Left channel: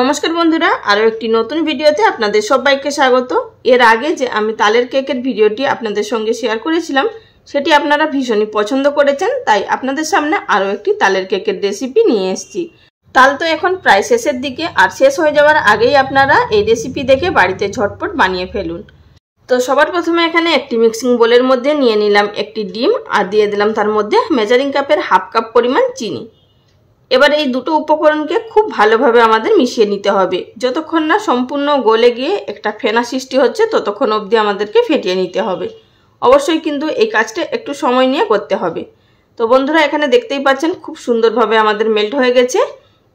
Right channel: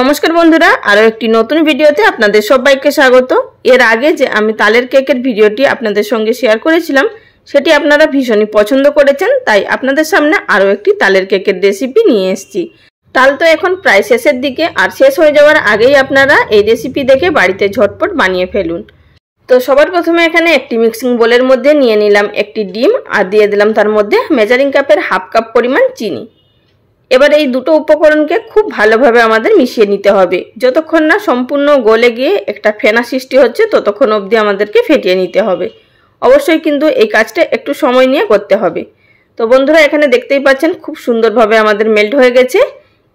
নমস্কার বন্ধুরা, আরো একটি নতুন ভিডিওতে আপনাদের সবাইকে স্বাগত। এর আগে যে আমি তালের কেকের ভিডিওটি আপনাদের সঙ্গে শেয়ার করেছিলাম সেটি আপনারা ভীষণই পছন্দ করেছেন, তাই আপনাদের সামনে আরো একটি তালের কেকের রেসিপি নিয়ে এসেছি। তাল তো এখন প্রায় শেষের দিকে, আর শেষ হয়ে যাওয়ার আগেই আপনারা এই রেসিপি দেখে বাড়িতে ঝটপট বানিয়ে ফেলুন। তো সবার প্রথমে এখানে একটি মিক্সিং বোলের মধ্যে নিয়ে নিলাম একটি ডিম আর দিয়ে দিলাম তার মধ্যে মেজারিং কাপের হাফ কাপ পরিমাণ চিনি। এবার এই দুটো উপকরণকে খুব ভালোভাবে আমাদের মিশিয়ে নিতে হবে। যতক্ষণ না সম্পূর্ণ গলে গিয়ে একটা ফেনা সৃষ্টি হচ্ছে ততক্ষণ অবধি আমাদেরকে ফেটিয়ে নিতে হবে। অবশ্যই কিন্তু এই কাজটা একটু সময় নিয়ে করতে হবে। তো বন্ধুরা, এখানে দেখতেই পাচ্ছেন খুব সুন্দরভাবে আমাদের মেল্ট হয়ে গেছে।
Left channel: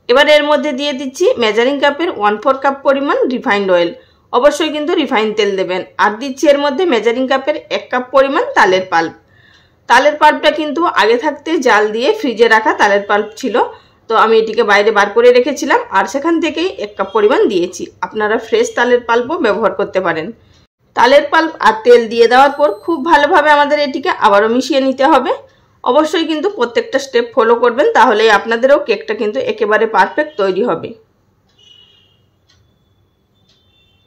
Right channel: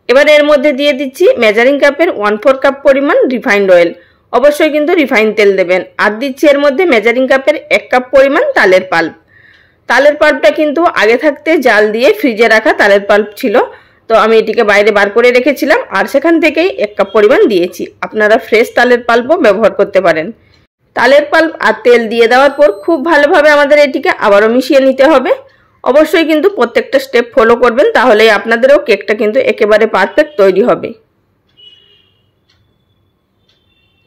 এবার এর মধ্যে দিয়ে দিচ্ছি মেজারিং কাপের 1/4 কাপ পরিমাণ রিফাইন্ড অয়েল। অবশ্যই কিন্তু রিফাইন তেল দেবেন। আর দিচ্ছি এর মধ্যে মেজারিং কাপের 1 কাপ পরিমাণ তালের পাল্প। তালের পাল্পটা কিন্তু আগে থাকতে জাল দিয়ে ফ্রিজে রাখা তালের পাল্প ছিল, তো আমি এটিকে বাইরে বার করে রেখেছিলাম আর সেখান থেকেই 1 কাপ পরিমাণ দিয়েছি। আপনারা ফ্রেশ তালের পাল্পও ব্যবহার করতে পারেন। তালের পাল্প আর তেল দিয়ে দেওয়ার পর খুব ভালোভাবে আমাদের এটিকে আবারও মিশিয়ে নিতে হবে। অবশ্যই কিন্তু প্রত্যেকটা স্টেপ ফলো করবেন, তাহলেই আপনাদেরও কেকটা কিন্তু একেবারে পারফেক্ট তৈরি হবে।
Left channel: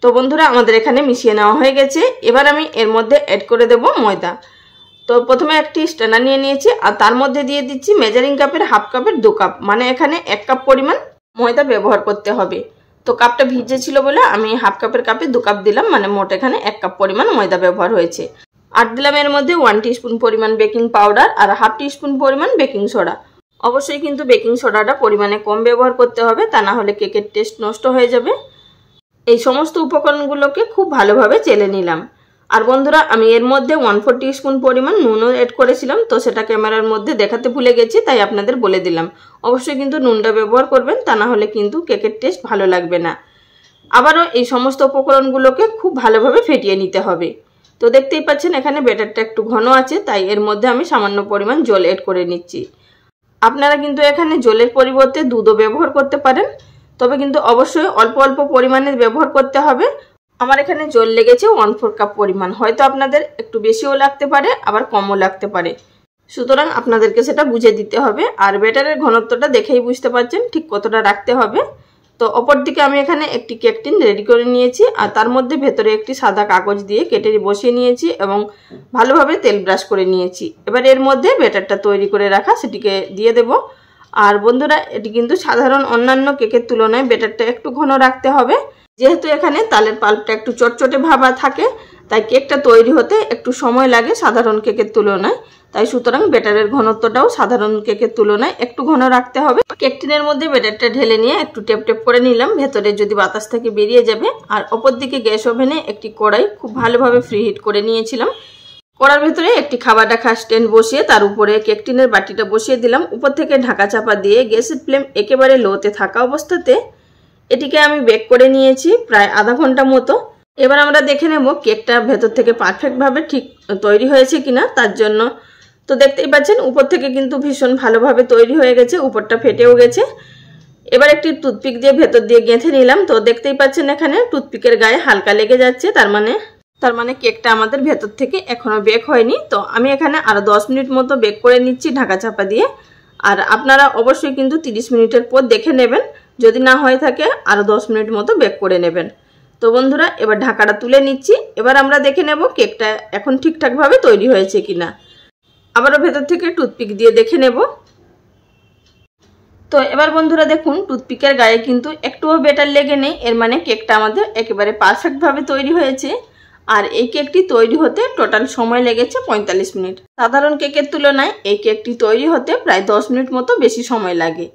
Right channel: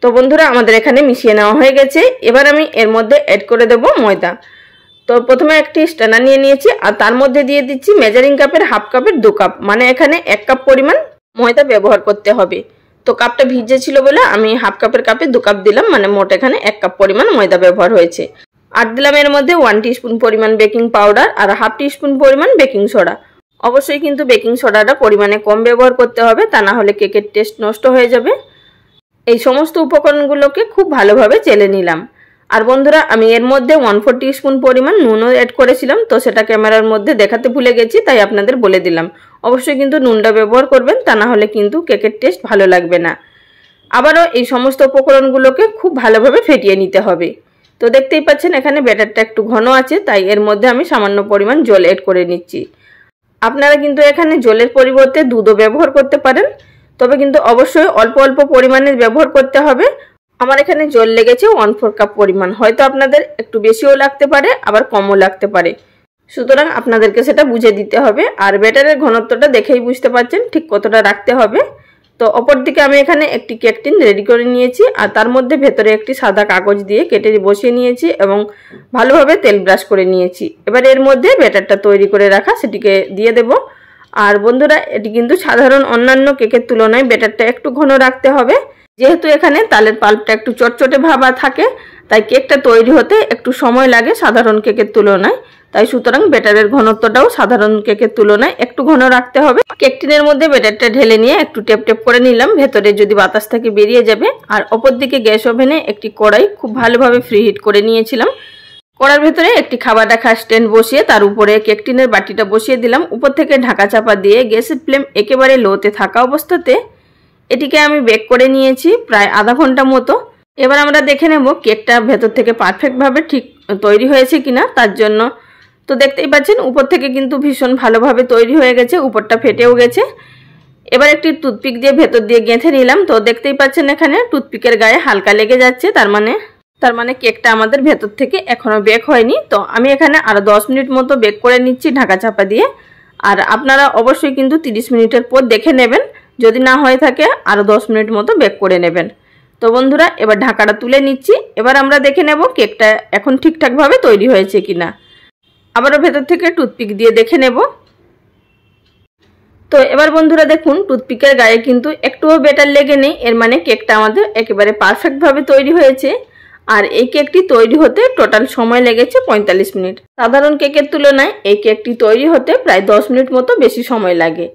তো বন্ধুরা, আমাদের এখানে মিশিয়ে নেওয়া হয়ে গেছে। এবার আমি এর মধ্যে অ্যাড করে দেব ময়দা। তো প্রথমে একটি স্ট্যানার নিয়ে নিয়েছি আর তার মধ্যে দিয়ে দিচ্ছি মেজারিং কাপের হাফ কাপের 2 কাপ, মানে এখানে 1 কাপ পরিমাণ ময়দা ব্যবহার করতে হবে। তো কাপটা ভিজে ছিল বলে আমি হাফ কাপের কাপে 2 কাপ দিলাম, মানে মোট এখানে 1 কাপ পরিমাণ ময়দা ব্যবহার হয়েছে। আর দিলাম এর মধ্যে 1 টিস্পুন পরিমাণ বেকিং পাউডার আর হাফ টিস্পুন পরিমাণ বেকিং সোডা। অবশ্যই কিন্তু বেকিং সোডাটা পরিমাণে কম ব্যবহার করতে হবে, তা না হলে কেকের টেস্ট নষ্ট হয়ে যাবে। এই সমস্ত উপকরণগুলোকে খুব ভালোভাবে চেলে নিলাম। আর বন্ধুরা, আমি এর মধ্যে 1/4 টিস্পুন পরিমাণ নুনও অ্যাড করেছিলাম, তো সেটা ক্যামেরার মধ্যে দেখাতে ভুলে গেছি, তাই আপনাদের বলে দিলাম। অবশ্যই কিন্তু নুনটা ব্যবহার করবেন, তা না হলে কিন্তু কেকের টেস্ট ভালো লাগবে না। আবারও এই সমস্ত উপকরণগুলোকে খুব ভালোভাবে ফেটিয়ে নিতে হবে। তো দেখতেই পাচ্ছেন এখানে ব্যাটারটা একটু ঘন আছে, তাই এর মধ্যে আমি সামান্য পরিমাণ জল অ্যাড করে নিচ্ছি। আপনারা কিন্তু এখানে জলের পরিবর্তে দুধও ব্যবহার করতে পারেন, তবে কিন্তু অবশ্যই অল্প অল্প পরিমাণে ব্যবহার করতে হবে। আমার এখানে জল লেগেছে 1/4 কাপ পরিমাণ, হয়তো আপনাদের একটু বেশিও লাগতে পারে আবার কমও লাগতে পারে, সুতরাং আপনাদেরকে সেটা বুঝে দিতে হবে। আর ব্যাটারের ঘনত্বটা দেখেই বুঝতে পারছেন ঠিক কতটা রাখতে হবে। তো অপর দিকে আমি এখানে একটি কেক টিন রেডি করে নিয়েছি আর তার মধ্যে ভেতরে একটি সাদা কাগজ দিয়ে কেটে বসিয়ে নিয়েছি এবং ভালোভাবে তেল ব্রাশ করে নিয়েছি। এবার এর মধ্যে ব্যাটারটা তৈরি করে রাখা সেটিকে দিয়ে দেব। আর বন্ধুরা, এটি কিন্তু সাধারণ অন্যান্য কেকের তুলনায় ব্যাটারটা একটু ঘন রাখতে হবে। যেহেতু এখানে তালের পাল্পটা একটু চটচটে ভাবা থাকে, তাই কেকটা তৈরি হতে একটু সময় লাগে সাধারণ কেকের তুলনায়, তাই সুতরাং ব্যাটারের ঘনত্বটাও সাধারণ কেকের তুলনায় একটু ঘন রাখতে হবে। কেক টিনের মধ্যে ব্যাটারটা ঢেলে নিয়ে একটু টেপ টেপ করে নিলাম, ভেতরে যদি বাতাস থাকে বেরিয়ে যাবে। আর অপর দিকে গ্যাস ওভেনে একটি কড়াই খুব ভালোভাবে ফ্রি হিট করে নিয়েছিলাম। কড়ার ভিতরে একটি খাবার রাখা স্ট্যান্ড বসিয়ে তার উপরে কেক টিনের বাটিটা বসিয়ে দিলাম। উপর থেকে ঢাকা চাপা দিয়ে গ্যাসের ফ্লেম একেবারে লোতে থাকা অবস্থাতে এটিকে আমি বেক করে নিয়েছি প্রায় আধা ঘন্টা মতো। এবার আমরা দেখে নেব কেকটা ভেতর থেকে পারফেক্টভাবে ঠিক তৈরি হয়েছে কিনা। তার জন্য তো দেখতেই পাচ্ছেন উপর থেকে কিন্তু ভীষণ ভালোভাবে তৈরি হয়ে গেছে, উপরটা ফেটেও গেছে। এবার একটি টুথপিক দিয়ে ভেতর দিয়ে গেঁথে নিলাম। তো দেখতেই পাচ্ছেন এখানে টুথপিকের গায়ে হালকা লেগে যাচ্ছে, তার মানে কেকটা আমাদের ভেতর থেকে এখনো বেক হয়নি। তো আমি এখানে আরো 10 মিনিট মতো বেক করে নিচ্ছি ঢাকা চাপা দিয়ে। আর আপনারা অবশ্যই কিন্তু 30 মিনিটের পর দেখে নেবেন, যদি না হয়ে থাকে আরো 10 মিনিট মতো বেক করে নেবেন। তো বন্ধুরা, এবার ঢাকাটা তুলে নিচ্ছি। এবার আমরা দেখে নেব কেকটা এখন ঠিকঠাকভাবে তৈরি হয়েছে কিনা। আবারও ভেতর থেকে টুথপিক দিয়ে দেখে নেব। তো এবার বন্ধুরা দেখুন, টুথপিকের গায়ে কিন্তু একটুও ব্যাটার লেগে নেই, এর মানে কেকটা আমাদের একেবারে পারফেক্টভাবে তৈরি হয়েছে। আর এই কেকটি তৈরি হতে টোটাল সময় লেগেছে 45 মিনিট। সাধারণ কেকের তুলনায় এই কেকটি তৈরি হতে প্রায় 10 মিনিট মতো বেশি সময় লাগে।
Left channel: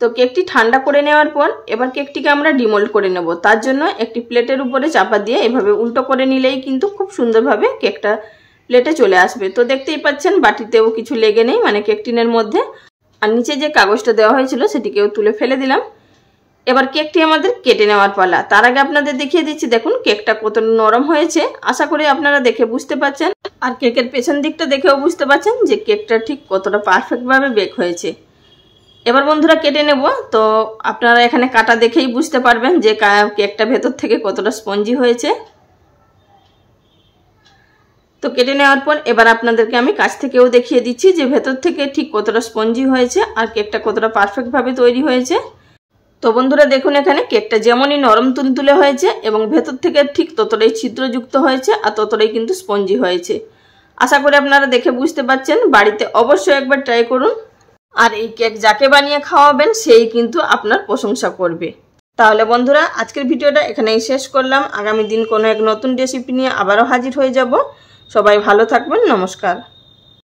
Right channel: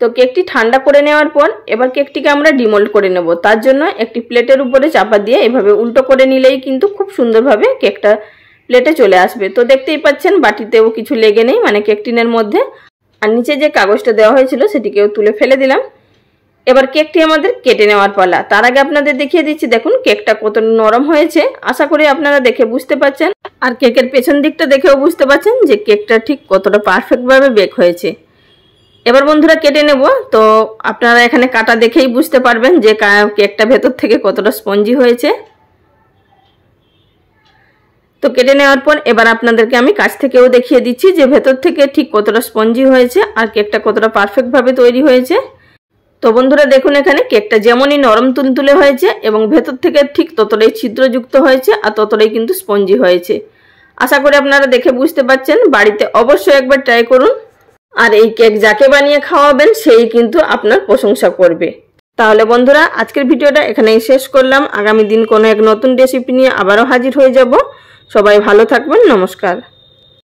তো কেকটি ঠান্ডা করে নেওয়ার পর এবার কেকটিকে আমরা ডিমোল্ড করে নেব। তার জন্য একটি প্লেটের উপরে চাপা দিয়ে এভাবে উল্টো করে নিলেই কিন্তু খুব সুন্দরভাবে কেকটা প্লেটে চলে আসবে। তো দেখতেই পাচ্ছেন বাটিতেও কিছু লেগে নেই, মানে কেক টিনের মধ্যে। আর নিচে যে কাগজটা দেওয়া হয়েছিল সেটিকেও তুলে ফেলে দিলাম। এবার কেকটি আমাদের কেটে নেওয়ার পালা। তার আগে আপনাদের দেখিয়ে দিচ্ছি, দেখুন কেকটা কত নরম হয়েছে। আশা করি আপনারা দেখে বুঝতে পারছেন, আর কেকের পেছন দিকটা দেখেও বুঝতে পারছেন যে কেকটা ঠিক কতটা পারফেক্টভাবে বেক হয়েছে। এবার বন্ধুরা কেটে নেব। তো আপনারা এখানে কাটা দেখেই বুঝতে পারবেন যে কেকটা ভেতর থেকে কতটা স্পঞ্জি হয়েছে। তো কেটে নেওয়ার পর এবার আপনাদেরকে আমি কাছ থেকেও দেখিয়ে দিচ্ছি যে ভেতর থেকে ঠিক কতটা স্পঞ্জি হয়েছে আর কেকটা কতটা পারফেক্টভাবে তৈরি হয়েছে। তো বন্ধুরা দেখুন এখানে কেকটা যেমনই নরম তুলতুলে হয়েছে এবং ভেতর থেকে ঠিক ততটাই ছিদ্রযুক্ত হয়েছে আর ততটাই কিন্তু স্পঞ্জি হয়েছে। আশা করি আপনারা দেখে বুঝতে পারছেন। বাড়িতে অবশ্যই একবার ট্রাই করুন। আর এই কেক যাকে বানিয়ে খাওয়াবেন সেই কিন্তু আপনার প্রশংসা করবে। তাহলে বন্ধুরা আজকের ভিডিওটা এখানেই শেষ করলাম। আগামী দিন কোনো এক নতুন রেসিপি নিয়ে আবারও হাজির হয়ে যাব। সবাই ভালো থাকবেন। নমস্কার।